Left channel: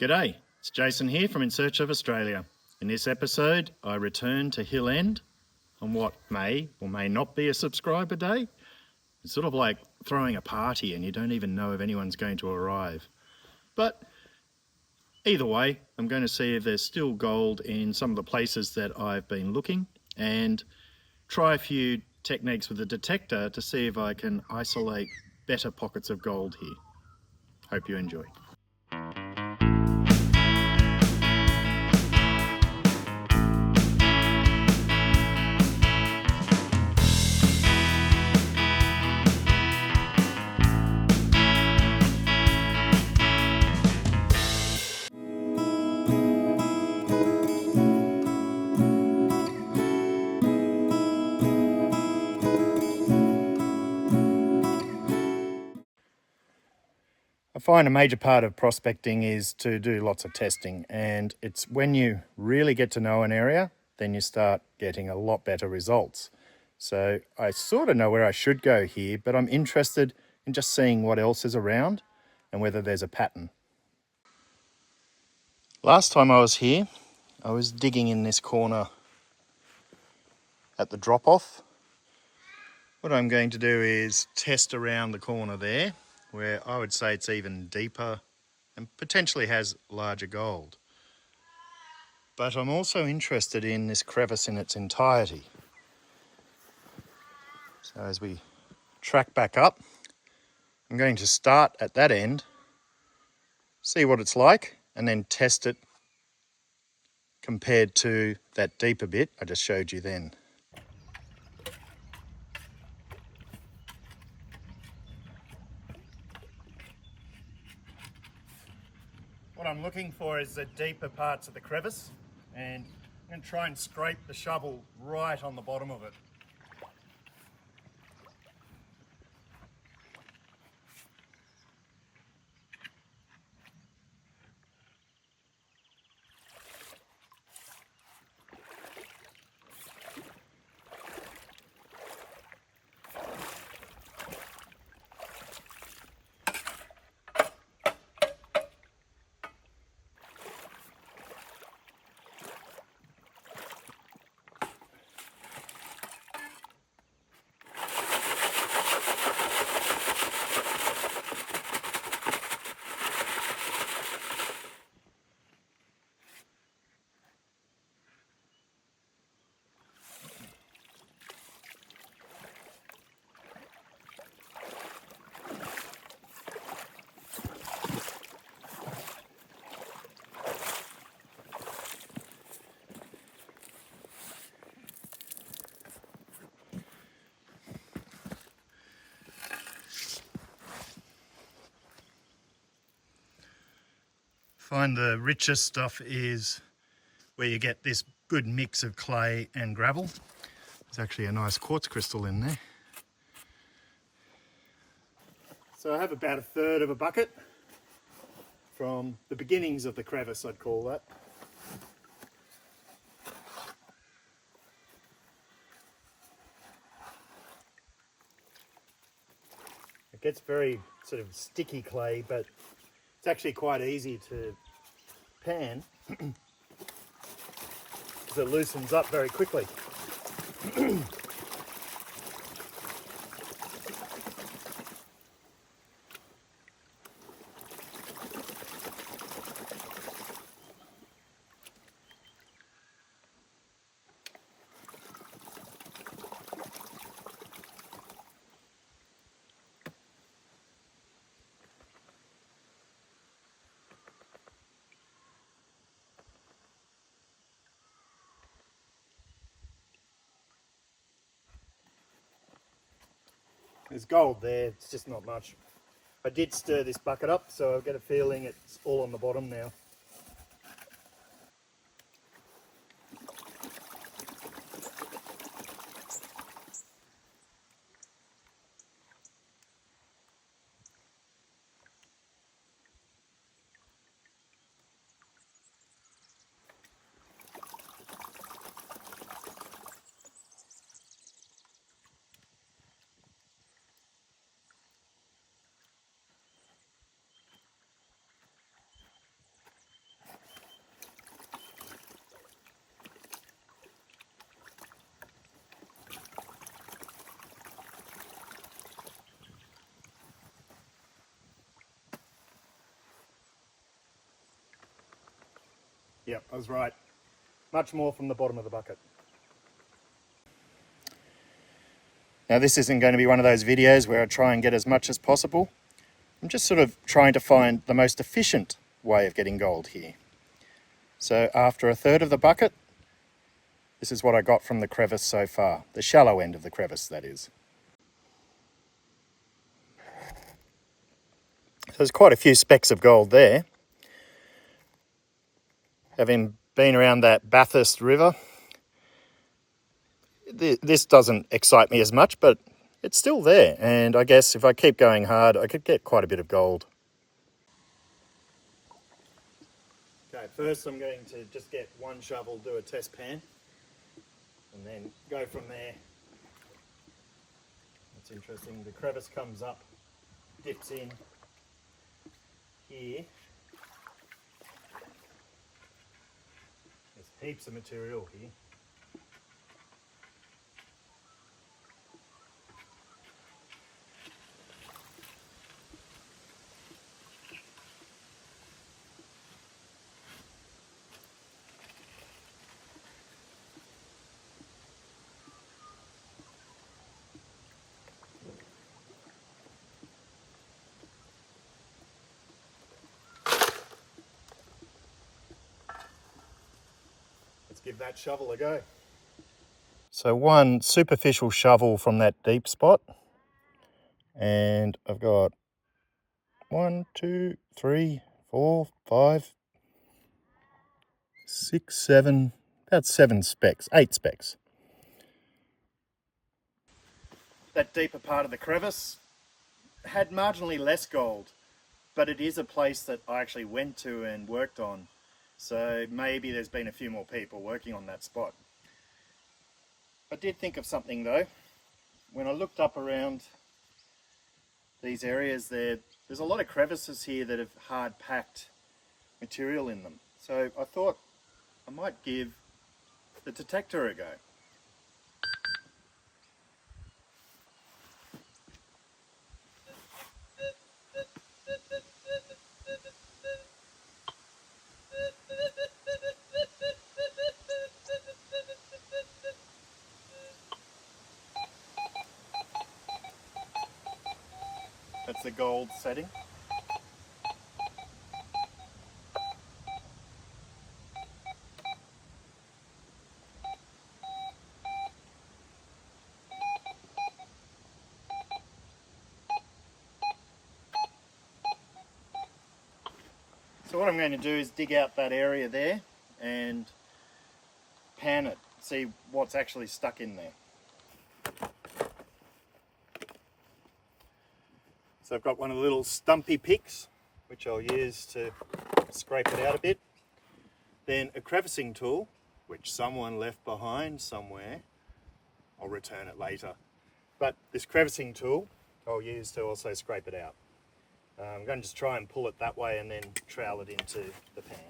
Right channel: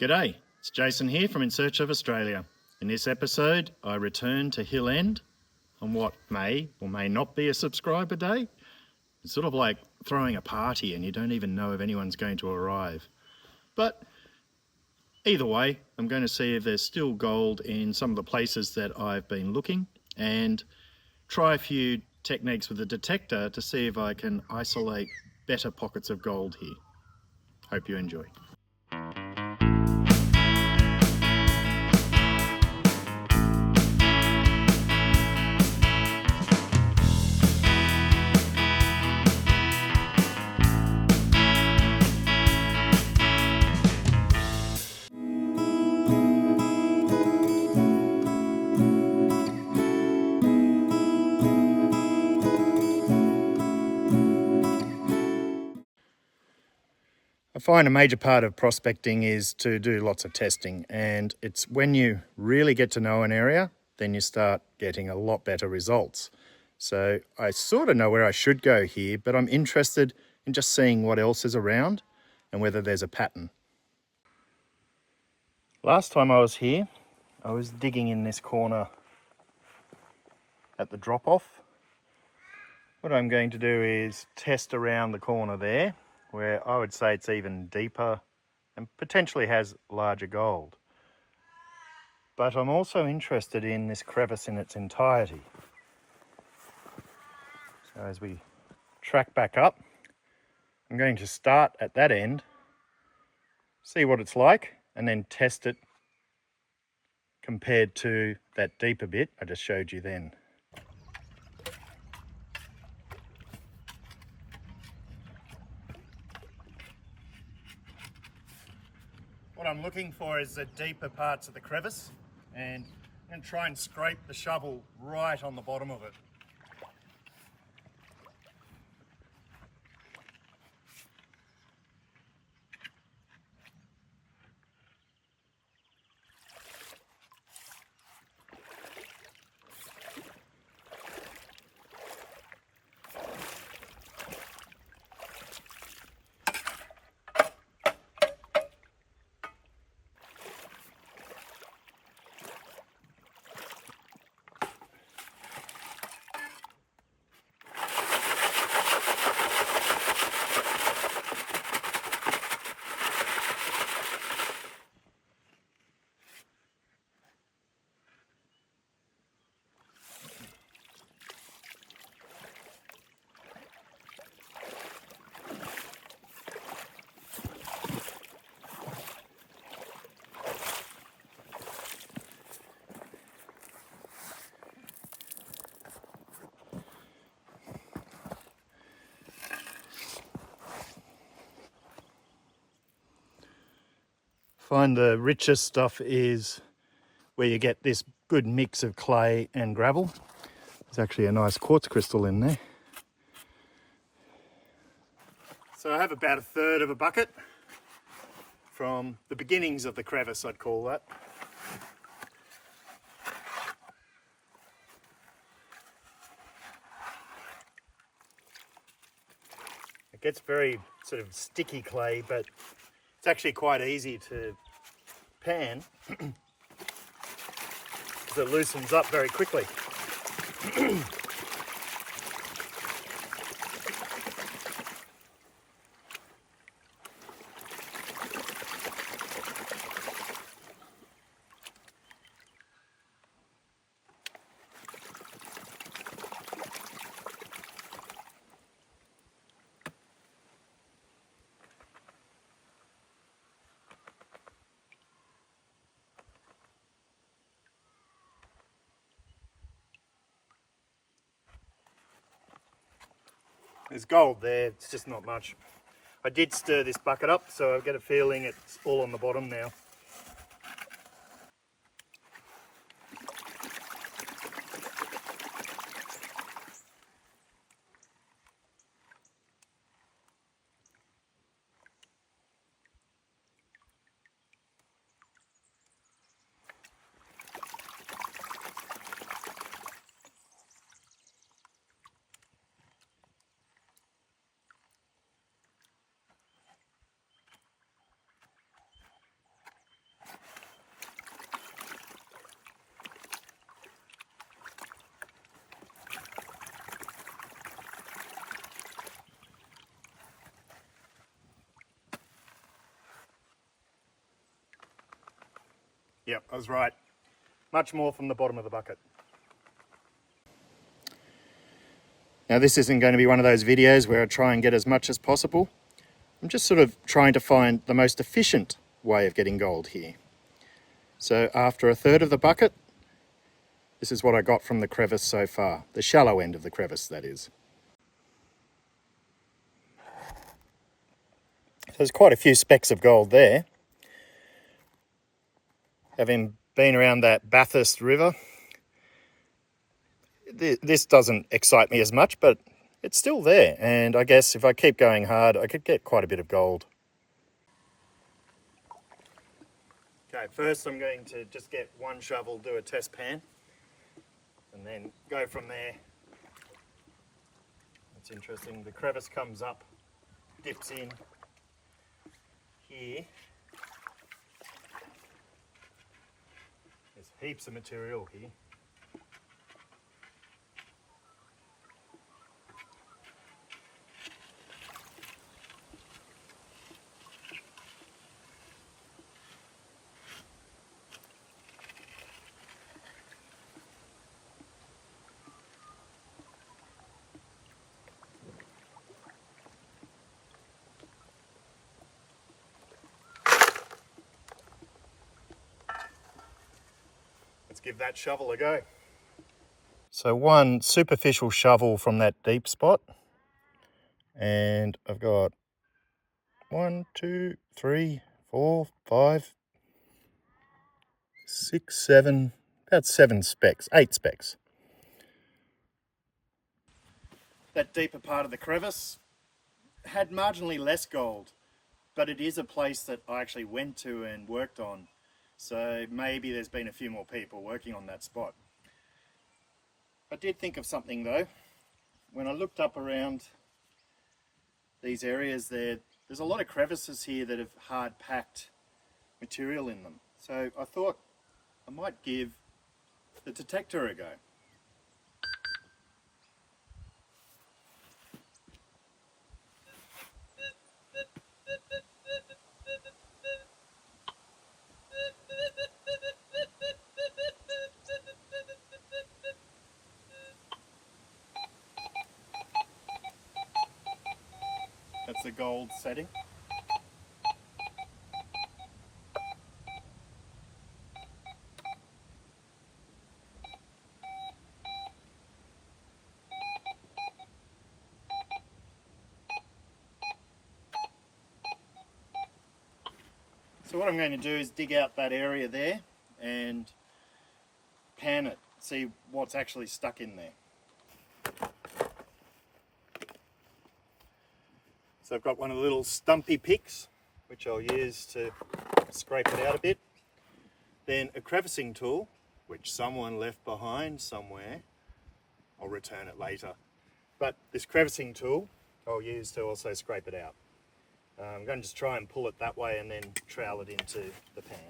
G'day, it's Jason here from In Search of Australia. In this episode, I return to Hill End on what may or may not be a subscriber day. It's sort of like throwing a party and you don't even know if anyone's going to arrive. But either way, I'm going to see if there's still gold in some of the places that I've been looking and try a few techniques with the detector to see if I can isolate better pockets of gold here. Hope you enjoy. I find a major part of prospecting is to do lots of testing, and it's when you really get to know an area, then you start getting a lot better results. So I sort of know where I should go here, but I'm interested in just seeing what else is around and whether there's a pattern. Last time I was here, I was digging in this corner at the drop-off. What I'm going to do is test around the corner there, where I would say it's even deeper and potentially has larger gold. But I'm also interested in this crevice in its entirety. So as we track back up, I'm going to start at that end, see what it's like, and then test it compared to that deeper bit I just showed you then. What I'm looking for is the deeper parts of the crevice, and I'm going to try and scrape the shovel right on the bottom of it. Find the richest stuff is where you get this good mix of clay and gravel. There's actually a nice quartz crystal in there. So I have about a third of a bucket from the beginnings of the crevice, I'd call that. It gets very sort of sticky clay, but it's actually quite easy to pan because it loosens up very quickly. There's gold there, it's just not much. I did stir this bucket up, so I've got a feeling it's all on the bottom now. Yep, I was right. Much more from the bottom of the bucket. Now this isn't going to be one of those videos where I try and get as much as possible. I'm just sort of trying to find the most efficient way of getting gold here. So after a third of the bucket, this is what I got from the crevice so far. The shallow end of the crevice, that is. So there's quite a few specks of gold there. Having been around that Bathurst River, this doesn't excite me as much, but it's still there. And I guess if I keep going hard, I could get quite a bit of gold. Okay, first I'm going to just get one shovel, do a test pan, and then go from there. That's interesting. The crevice comes up, dips in here. There's heaps of material here. Let's give that shovel a go. So one superficial shovel from that deep spot, and I've got 1, 2, 3, 4, 5, 6, 7, about 7 specks, 8 specks. That deeper part of the crevice had marginally less gold, but it is a place that I actually went to and worked on. So maybe there's been a few more people working on that spot. I did think of something though. When I looked up around these areas there's a lot of crevices here that have hard packed material in them. So I thought I might give the detector a go. That's the gold setting. So what I'm going to do is dig out that area there and pan it, see what's actually stuck in there. So I've got one of the little stumpy picks, which I'll use to scrape it out a bit. Then a crevicing tool, which someone left behind somewhere. I'll return it later. But this crevicing tool I'll use to also scrape it out. I'm going to just try and pull it that way and then trowel it into the pan.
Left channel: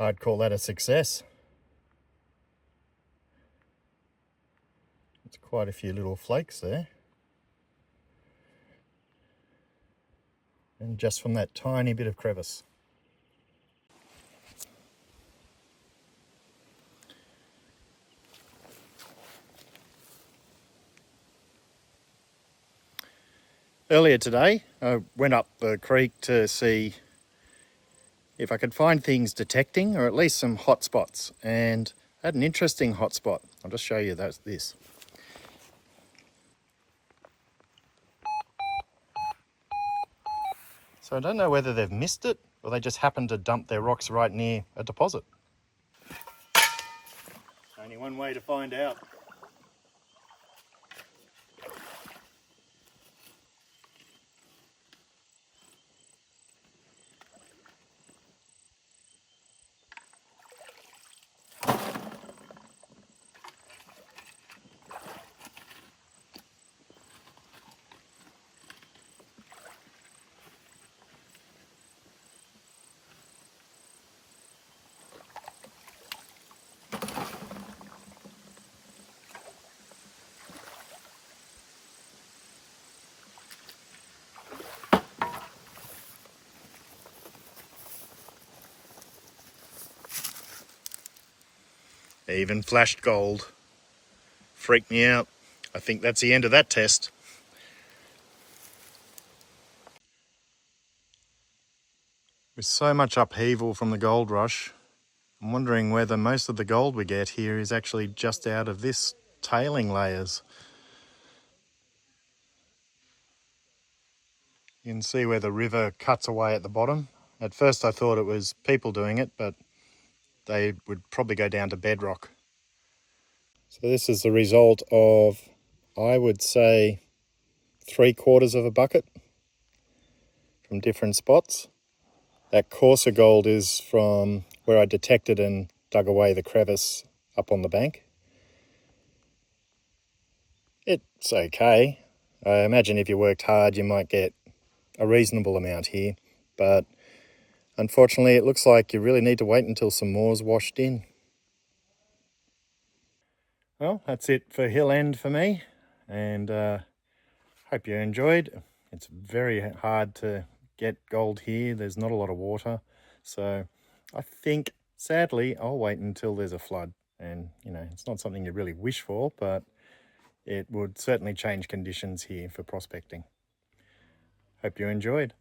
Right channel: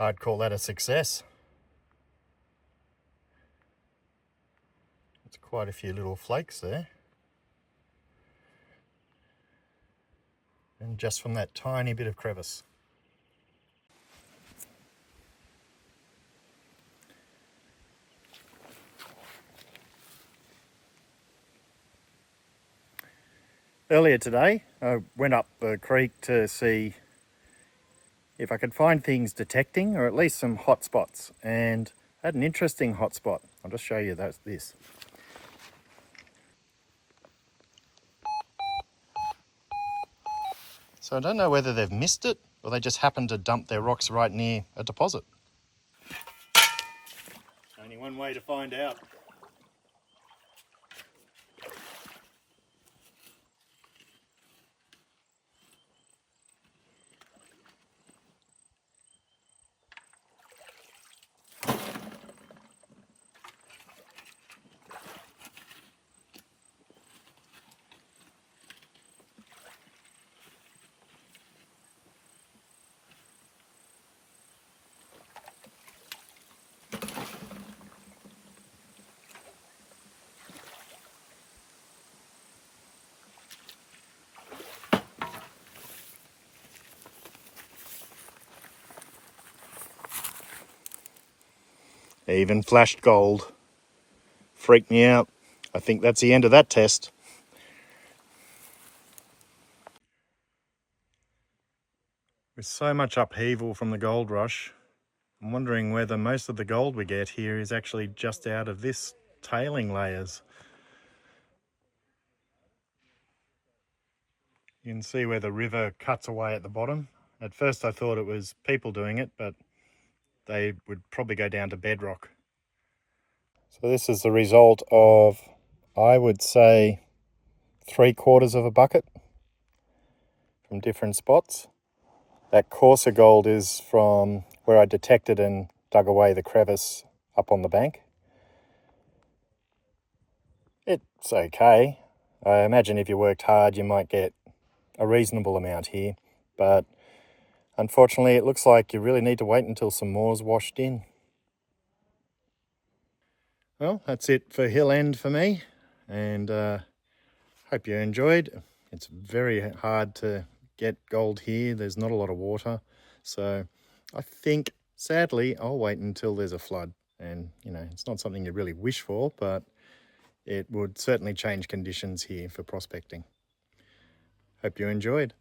I'd call that a success. It's quite a few little flakes there. And just from that tiny bit of crevice. Earlier today, I went up the creek to see if I could find things detecting, or at least some hot spots, and I had an interesting hot spot. I'll just show you this. So I don't know whether they've missed it or they just happened to dump their rocks right near a deposit. Only one way to find out. Even flashed gold. Freaked me out. I think that's the end of that test. With so much upheaval from the gold rush, I'm wondering whether most of the gold we get here is actually just out of this tailing layers. You can see where the river cuts away at the bottom. At first I thought it was people doing it, but they would probably go down to bedrock. So this is the result of, I would say, 3/4 of a bucket from different spots. That coarser gold is from where I detected and dug away the crevice up on the bank. It's okay. I imagine if you worked hard you might get a reasonable amount here, but unfortunately it looks like you really need to wait until some more's washed in. Well, that's it for Hill End for me, and hope you enjoyed. It's very hard to get gold here. There's not a lot of water, so I think sadly I'll wait until there's a flood. And you know, it's not something you really wish for, but it would certainly change conditions here for prospecting. Hope you enjoyed.